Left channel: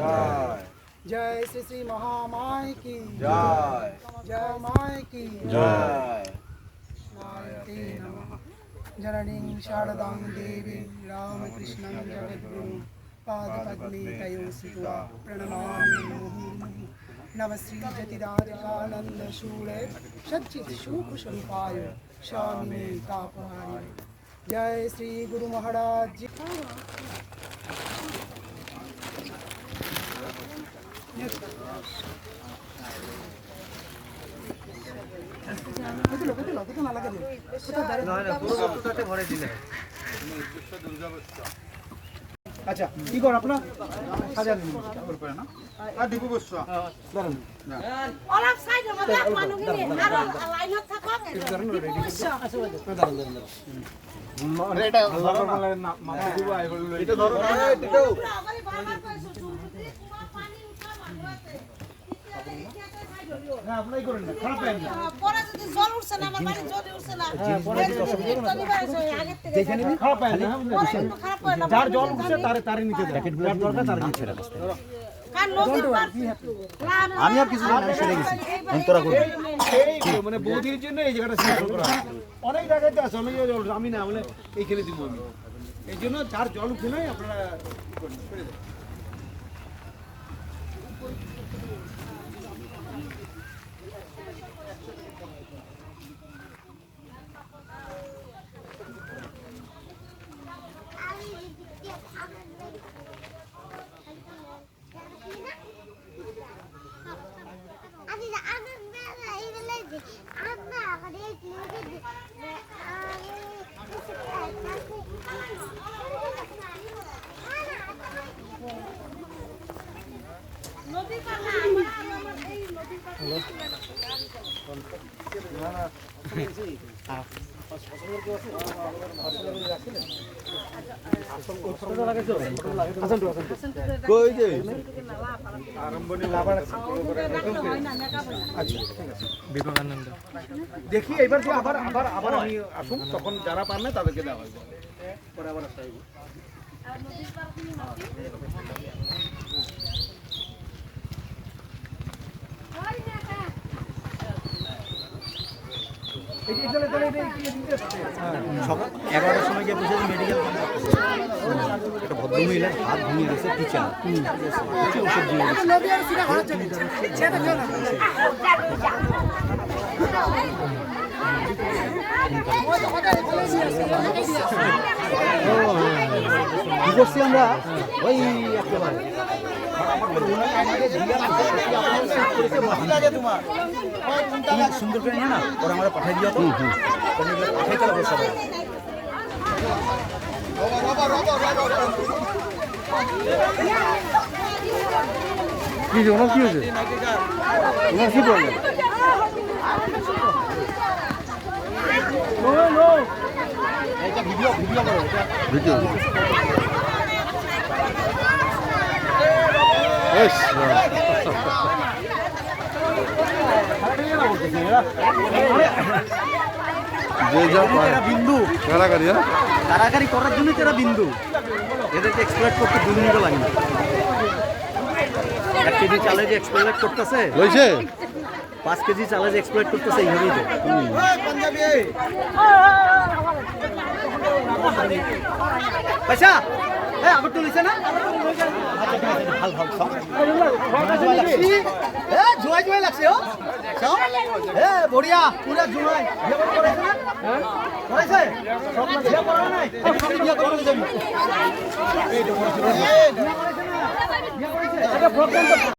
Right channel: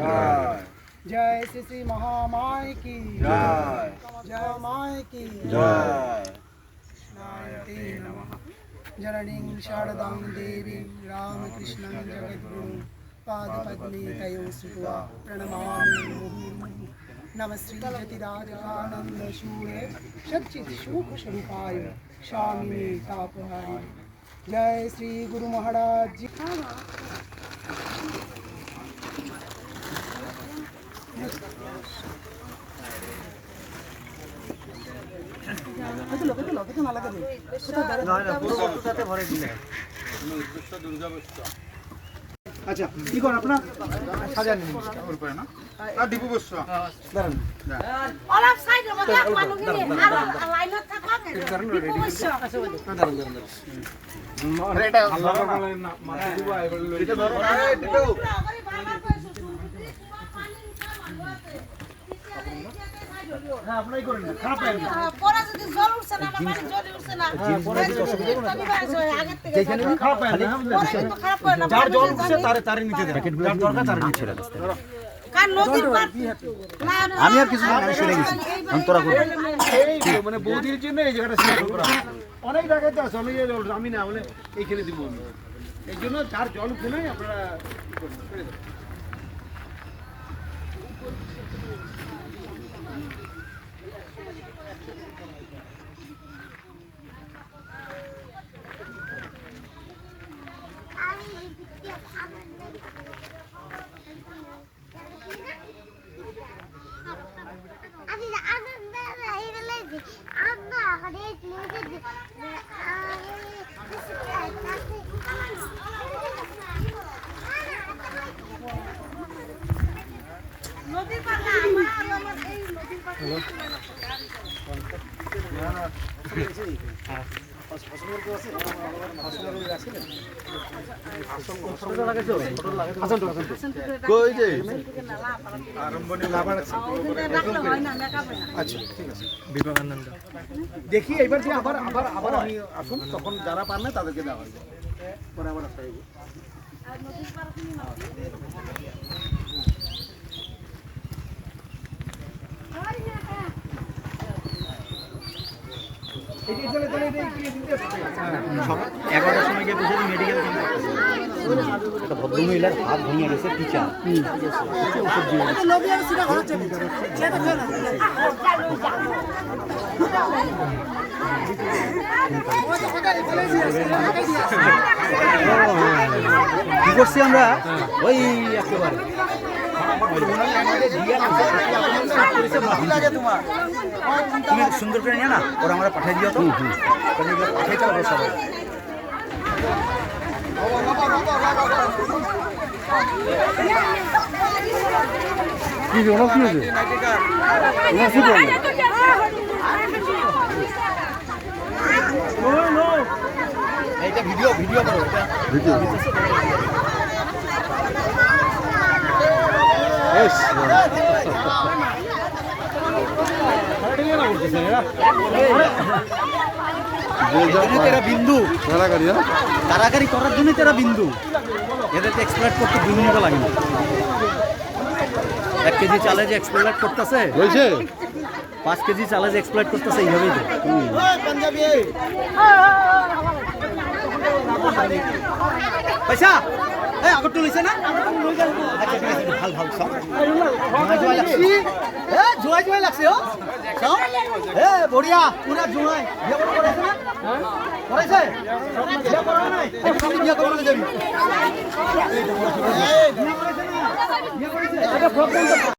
जय। जय श्री श्री महामाय की जय। जय माय की जय। नायते नमः। जननीं शारदां देवीं रामकृष्णं जगद्गुरुं पादपद्मे तयो स्थित्वा प्रणमामि मुहुर्मुहुः। नमः श्री जतिराधिकानन्दशूले सच्चित्सुखस्वरूपाय स्वामिने तापहारिणे। जय श्री गुरु महाराज जी। আচ্ছা কি করেন আপনার সাজান না আর দীপু বসছো দাঁড়ান অলপ সাইডের মধ্যে এক মানুষ নিয়ে আর লাইনত থাকবা দীপু বসছো দাঁড়ান এটা আল্লাহ তাআলার নাম মাথা দিব এটা ধরো এটা হ্যাঁ আপনাই করেন না খারাপ লাগে না পরে যদি জল উঠছে না আমার বাড়ি জল উঠছে না পরে যদি আগে থেকে যেখানে খারাপ লাগে না খারাপ করে না যার জল উঠছে তারে নিতে দেন যার দরকার তারে নিতে দেন কান নদীর পার আমি আর কিছু না আমি সরে গেছি অন্তরা করব এই মানে বৌদির জন্য এই জায়গাটা সিলেক্ট করা অনেক জায়গায় তো চলে যায় জল আমি না বলে এইখানে দিব আমি এই জন্য যার জল উঠে নাই আপনারা করে দেন নদীর পার না আমার এই নদীর পার কই যে দেখি এবার যে আবার আবার আবার আমি আসুন তখন যারা পান না তাদেরকে দেওয়া হবে পরে আবার আসতে হবে এগারোটার সময় গিয়ে বসে মেডিকেল একটা ভদ্রমহিলার হাত ভেঙে গেছে টিচার কি করছি আমরা ওই একেবারে তুমি সুন্দর করে নিয়ে না ওরা আমরা পাঠিয়ে দিও তো পাঠিয়ে চালাবো সবাই কি ওনার কি হয়েছে ওনার কি প্রবলেম ভিডিও ভিডিও ভিডিও বিন্দু কারাগারি করার জন্য তেরা বিন্দু এদেরকে এক্সপ্লোর করতে 2 মিনিট লাগে না 1 কেজি চালে যে এক্সপ্লোর করতেছে হয়েছে 5 কেজি চালে যে এক্সপ্লোর করতেছে এইভাবেই তো পয়সা আগর তুলিছে না ভাল ভাল সব জোয়াই জোয়াই লাগছে ও সব বড়িয়া পুরা জোয়াই বিয়ে করেছে না করেছে বিয়ে করা নাই বিয়ে করতে যাবি